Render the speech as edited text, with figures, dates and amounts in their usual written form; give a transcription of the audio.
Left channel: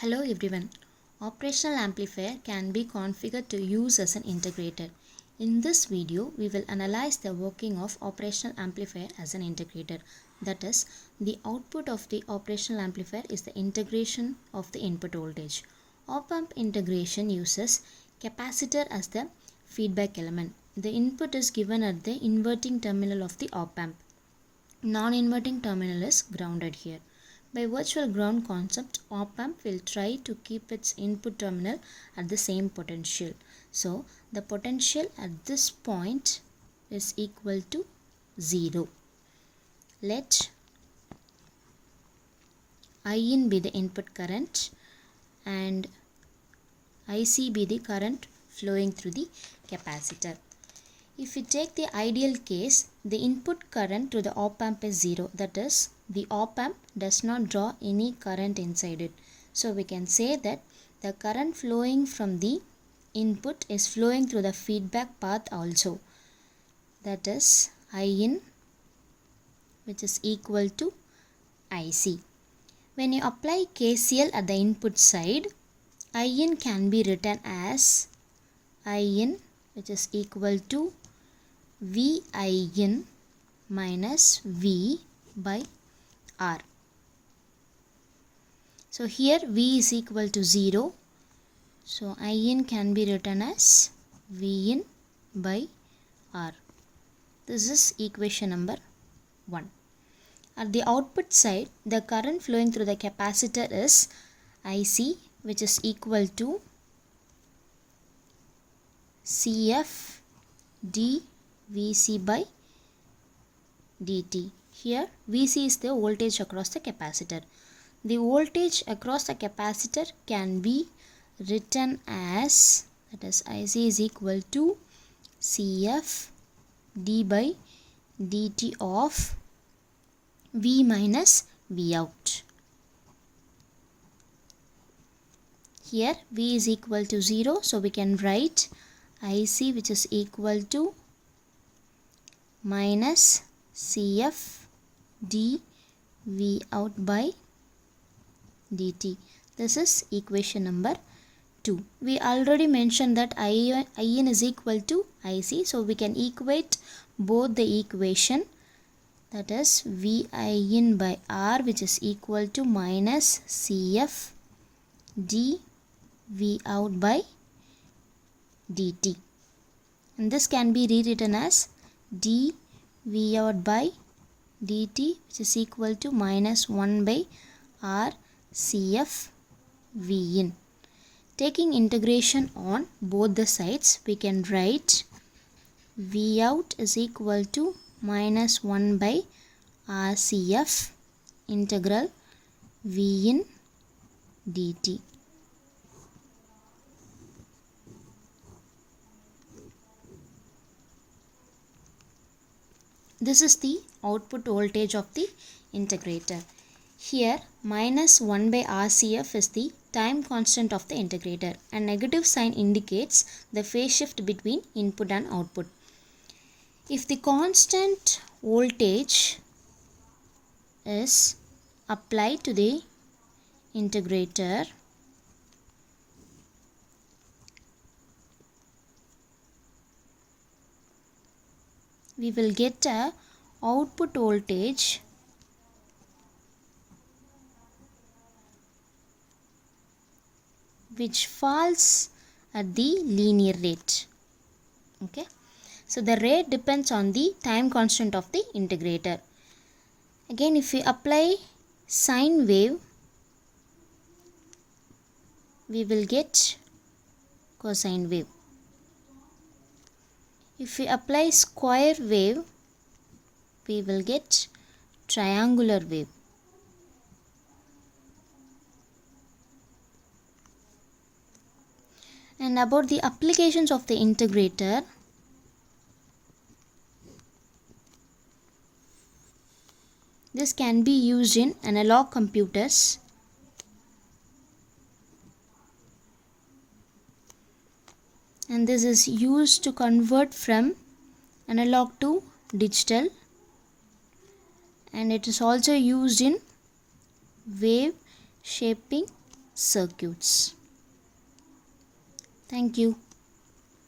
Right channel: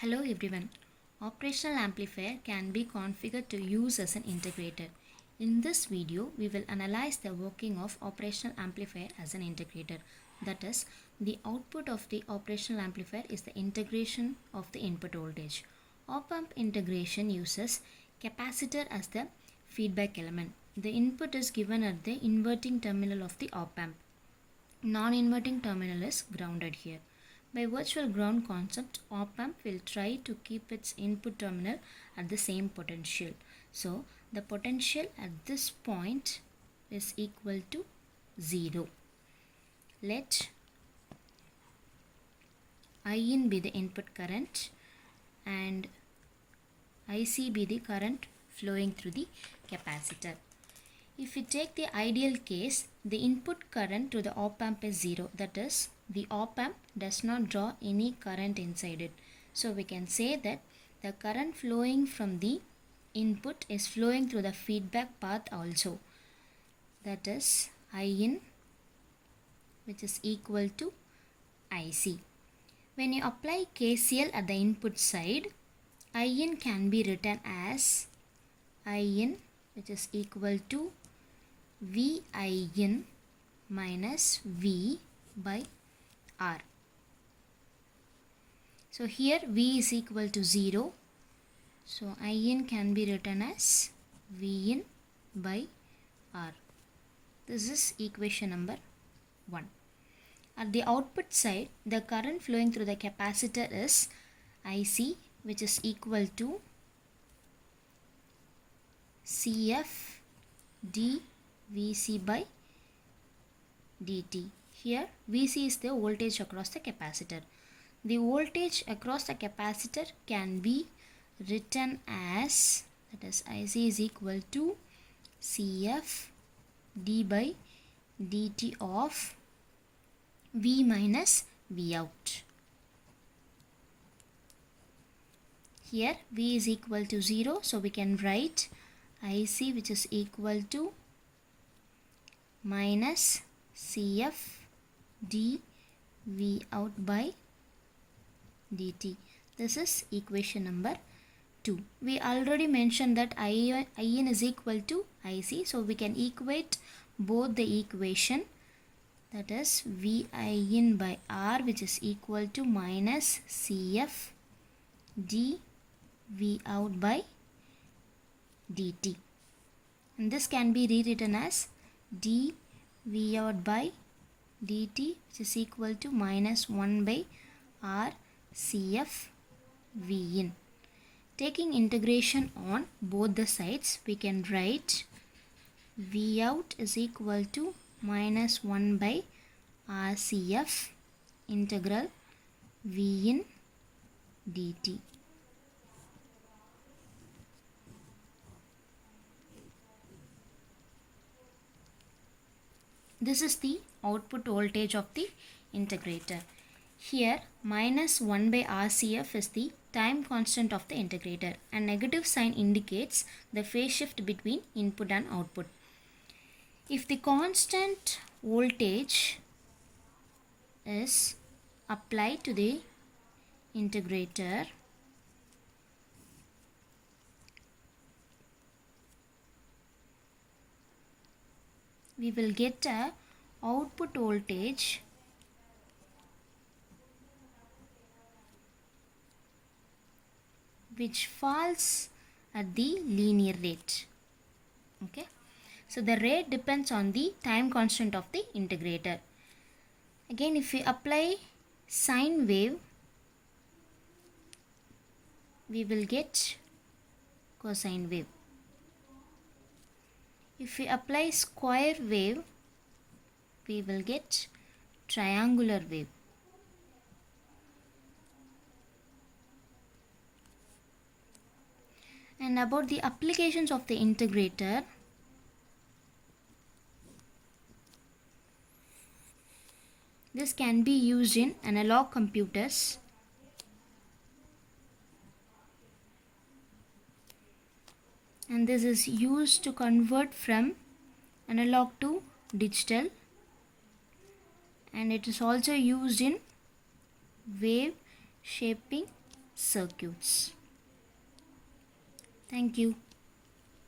Hello everyone. Operational amplifier can be configured to use as an integrator. In this video, we will analyze the working of operational amplifier as an integrator. That is, the output of the operational amplifier is the integration of the input voltage. Op-amp integration uses capacitor as the feedback element. The input is given at the inverting terminal of the op-amp. Non-inverting terminal is grounded here. By virtual ground concept, op-amp will try to keep its input terminal at the same potential. So, the potential at this point is equal to 0. Let In be the input current and IC be the current flowing through the capacitor. If we take the ideal case, the input current to the op-amp is 0. That is, the op-amp does not draw any current inside it. So we can say that the current flowing from the input is flowing through the feedback path also. That is In, which is equal to IC. When you apply KCL at the input side, In can be written as In, which is equal to VIN minus V by R. So here V is equal to 0. So In can be written as Vin by R. This is equation number 1. At the output side, the current flowing through the capacitor is IC, which is equal to CF d Vc by dt. Here Vc is the voltage across the capacitor. The voltage across the capacitor can be written as, that is IC is equal to CF d by dt of V minus V out. Here V is equal to 0, so we can write IC, which is equal to minus CF d V out by dt. This is equation number 2. We already mentioned that In is equal to IC, so we can equate both the equation, that is Vin by R, which is equal to minus CF d V out by dt. And this can be rewritten as d V out by dt, which is equal to minus 1 by R CF V in. Taking integration on both the sides, we can write V out is equal to minus 1 by R CF integral V in dt. This is the output voltage of the integrator. Here minus 1 by RCF is the time constant of the integrator, and negative sign indicates the phase shift between input and output. If the constant voltage is applied to the integrator, we will get a output voltage which falls at the linear rate. Okay, so the rate depends on the time constant of the integrator. Again, if we apply sine wave, we will get cosine wave. If we apply square wave, we will get triangular wave. And about the applications of the integrator, this can be used in analog computers, and this is used to convert from analog to digital, and it is also used in wave shaping circuits. Thank you.